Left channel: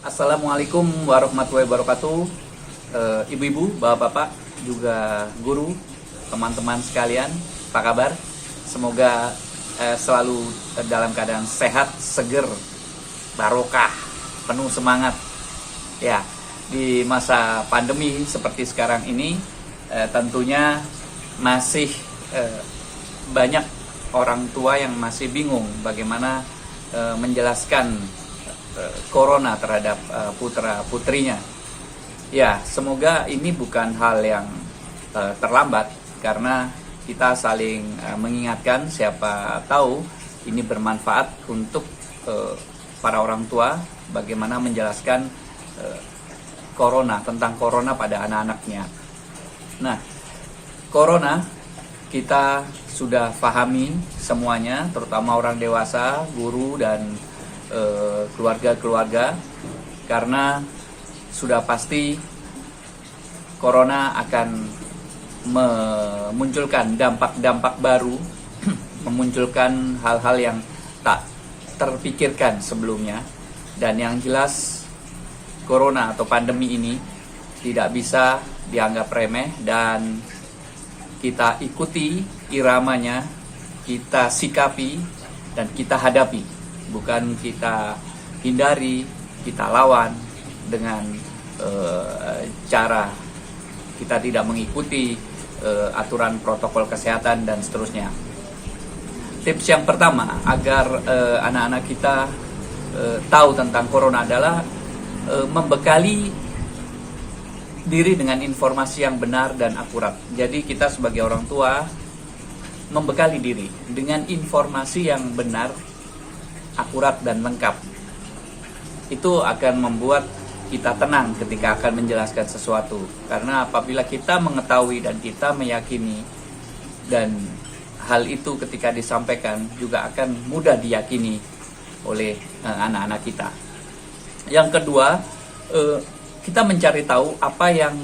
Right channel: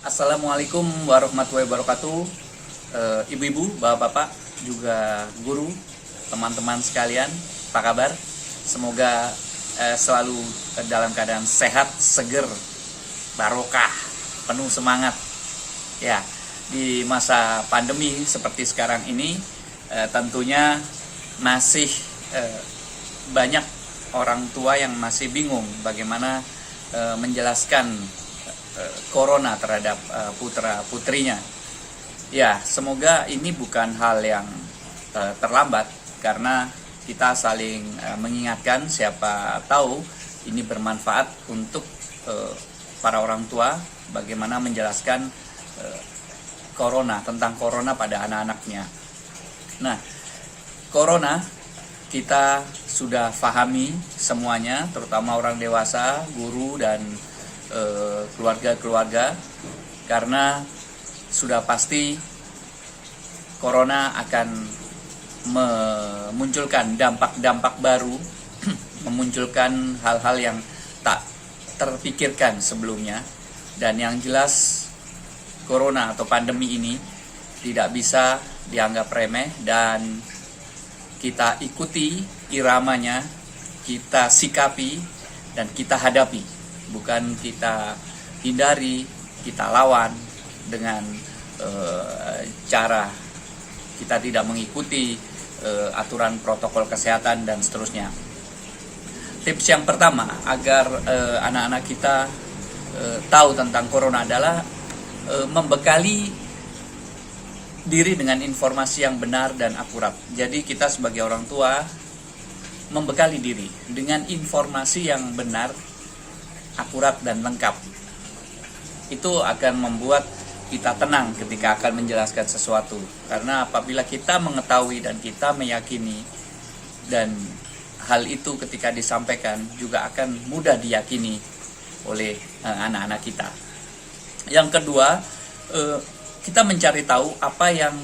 Assalamualaikum warahmatullahi wabarakatuh. Ibu-ibu, bapak-bapak, juga guru, teman-teman sekalian, apa kabar? Semoga selalu dalam keadaan sehat, seger, barokah, penuh semangat. Ya, di masa pandemi seperti sekarang ini, tentunya masih banyak orang tua yang masih bingung bagaimana menjelaskan corona terhadap putra-putrinya. Ya, semoga ini bukan hal yang terlambat, karena kita saling mengingatkan. Siapa tahu ini bermanfaat untuk para orang tua bagaimana menjelaskan tentang corona pada anak-anaknya. Nah, corona kita sudah pahami semuanya, terutama orang dewasa, guru, dan keluarga-keluarga, karena sudah pasti corona akan memunculkan dampak-dampak baru, memunculkan hal-hal yang tak terpikirkan sebelumnya. Dan yang jelas, corona atau pandemi ini tidak bisa dianggap remeh, dan kita ikuti iramanya, kita sikapi, dan kita hadapi. Bukan kita hindari, kita lawan dengan cara kita tidak mengikuti aturan protokol kesehatan dan seterusnya. Tips yang pertama agar anak-anak kita tahu tentang corona adalah membekali diri dengan informasi yang benar dan akurat. Jadi kita sebagai orang tua membekali diri dengan informasi yang benar, akurat, dan lengkap. Itu akan membuat kita tenang ketika akan menjelaskan sesuatu. Karena apabila kita mengetahui dan kita meyakini, dan hal itu ketika disampaikan juga akan mudah diyakini oleh anak-anak kita. Yang kedua, kita mencari tahu apa yang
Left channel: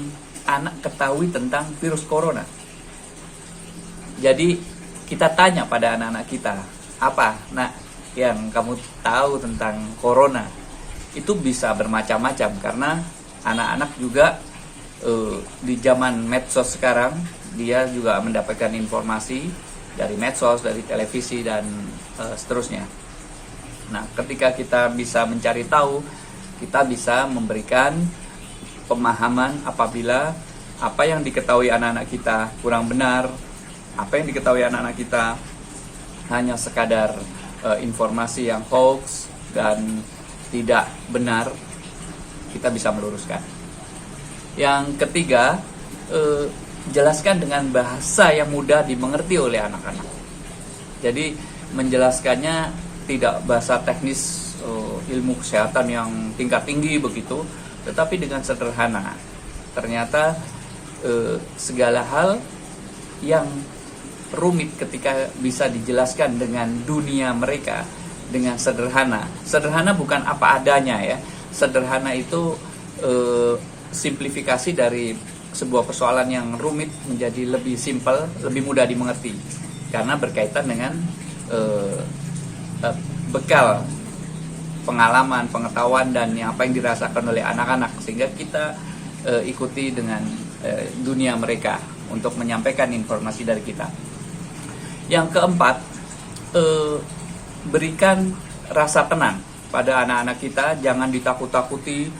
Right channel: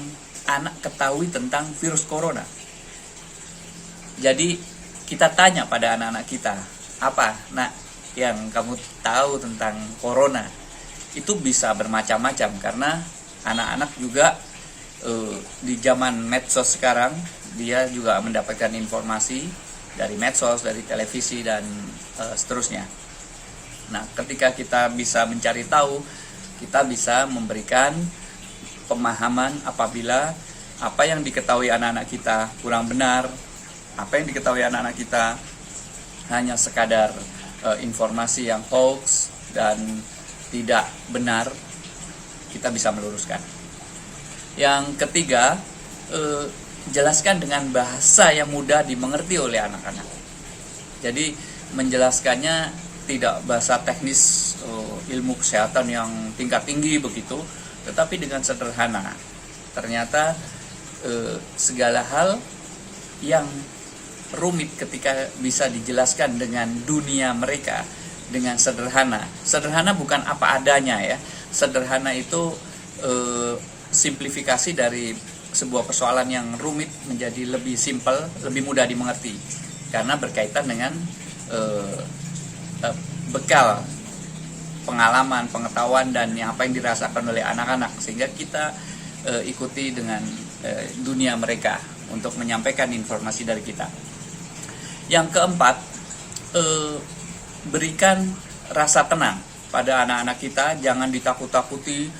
anak ketahui tentang virus corona. Jadi kita tanya pada anak-anak kita, apa yang kamu tahu tentang corona? Itu bisa bermacam-macam, karena anak-anak juga di zaman medsos sekarang, dia juga mendapatkan informasi dari medsos, dari televisi, dan seterusnya. Nah, ketika kita bisa mencari tahu, kita bisa memberikan pemahaman apabila apa yang diketahui anak-anak kita kurang benar, apa yang diketahui anak-anak kita hanya sekadar informasi yang hoax dan tidak benar, kita bisa meluruskan. Yang ketiga, jelaskan dengan bahasa yang mudah dimengerti oleh anak-anak. Jadi menjelaskannya tidak bahasa teknis ilmu kesehatan yang tingkat tinggi begitu, tetapi dengan sederhana. Ternyata segala hal yang rumit ketika bisa dijelaskan dengan dunia mereka dengan sederhana. Sederhana bukan apa adanya ya. Sederhana itu simplifikasi dari sebuah persoalan yang rumit menjadi lebih simpel, lebih mudah dimengerti, karena berkaitan dengan bekal pengalaman, pengetahuan, dan apa yang dirasakan oleh anak-anak, sehingga kita ikuti dengan dunia mereka untuk menyampaikan informasi dari kita. Yang keempat, berikan rasa tenang pada anak-anak kita. Jangan ditakut-takuti,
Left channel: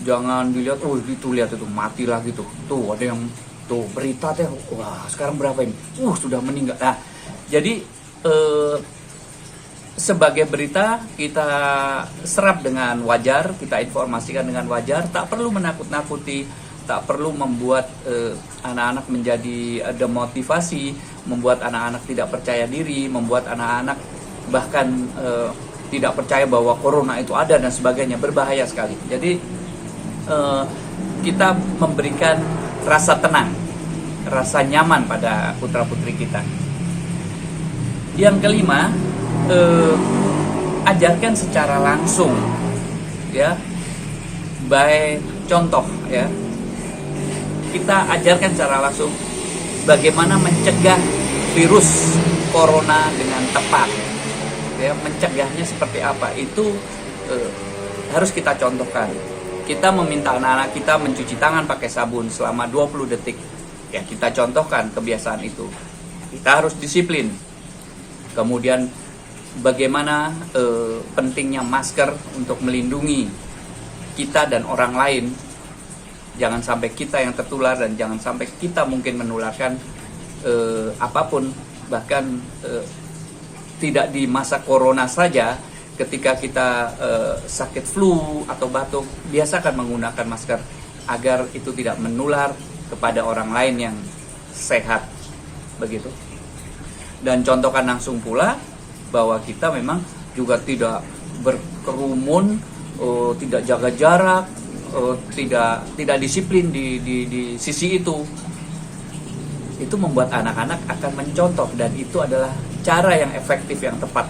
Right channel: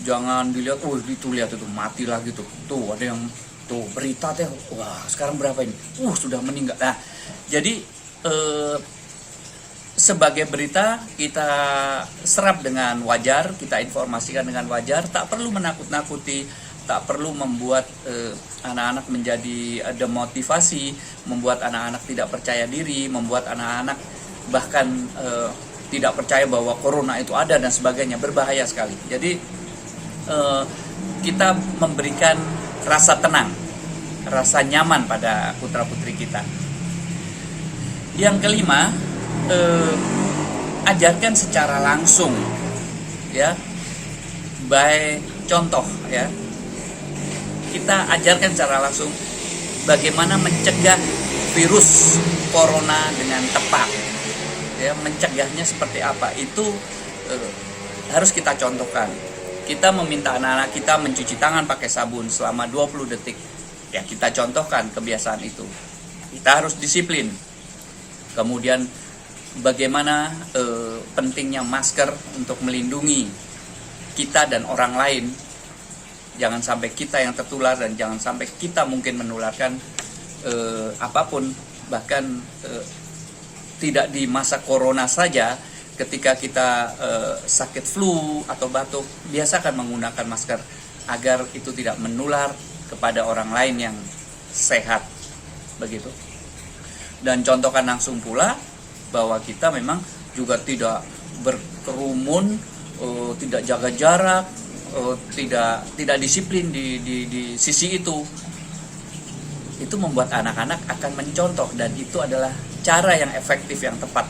jangan dilihat, itu lihat itu mati lah gitu. Tuh ada yang berita teh, wah sekarang berapa ini? Sudah meninggal. Nah, jadi sebagai berita kita serap dengan wajar, kita informasikan dengan wajar, tak perlu menakut-nakuti, tak perlu membuat anak-anak menjadi demotivasi, membuat anak-anak tidak percaya diri, membuat anak-anak bahkan tidak percaya bahwa corona itu ada dan sebagainya. Berbahaya sekali. Jadi kita memberikan rasa tenang, rasa nyaman pada putra-putri kita. Yang kelima, ajarkan secara langsung, ya, by contoh, ya. Kita ajarkan secara langsung bagaimana mencegah virus corona dengan tepat, ya, mencegahnya seperti apa. Itu harus kita contohkan. Kita meminta anak-anak kita mencuci tangan pakai sabun selama 20 detik. Ya, kita contohkan kebiasaan itu. Kita harus disiplin. Kemudian bagaimana pentingnya masker untuk melindungi kita dan orang lain. Jangan sampai kita yang tertular dan jangan sampai kita mungkin menularkan apapun. Bahkan tidak di masa corona saja, ketika kita sakit flu atau batuk, biasakan menggunakan masker agar itu tidak menular kepada orang lain yang sehat, begitu. Dan contohkan langsung pula bahwa kita memang juga tidak berkerumun, tidak jaga jarak, tidak disiplin di sisi itu. Itu membuat anak-anak akan mencontoh, dan itu adalah cara yang efektif, yang tepat,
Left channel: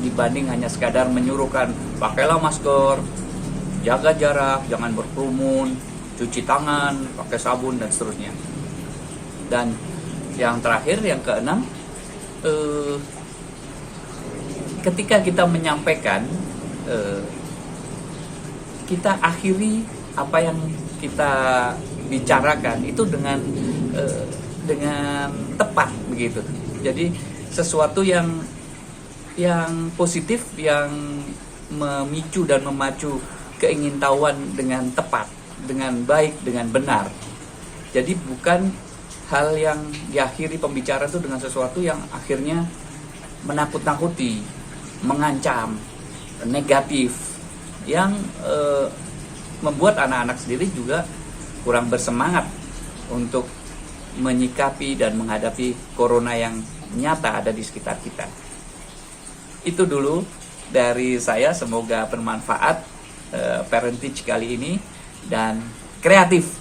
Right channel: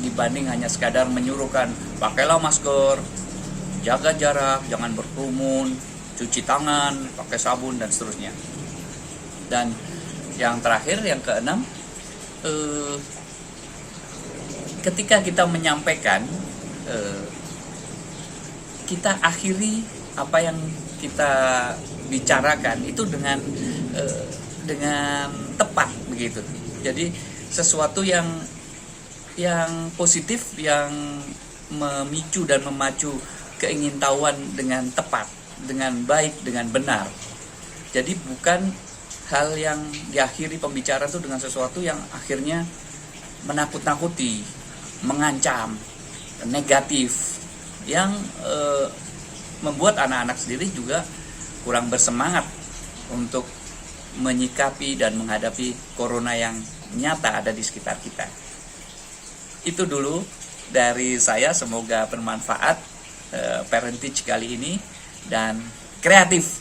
dibanding hanya sekadar menyuruhkan pakailah masker, jaga jarak, jangan berkerumun, cuci tangan, pakai sabun, dan seterusnya. Dan yang terakhir, yang keenam, ketika kita menyampaikan, kita akhiri apa yang kita bicarakan itu dengan tepat, begitu. Jadi sesuatu yang positif, yang memicu dan memacu keingintahuan dengan tepat, dengan baik, dengan benar. Jadi bukan hal yang diakhiri pembicaraan itu dengan sesuatu yang akhirnya menakut-nakuti, mengancam, negatif, yang membuat anak-anak sendiri juga kurang bersemangat untuk menyikapi dan menghadapi corona yang nyata ada di sekitar kita. Itu dulu dari saya, semoga bermanfaat parentage kali ini, dan kreatif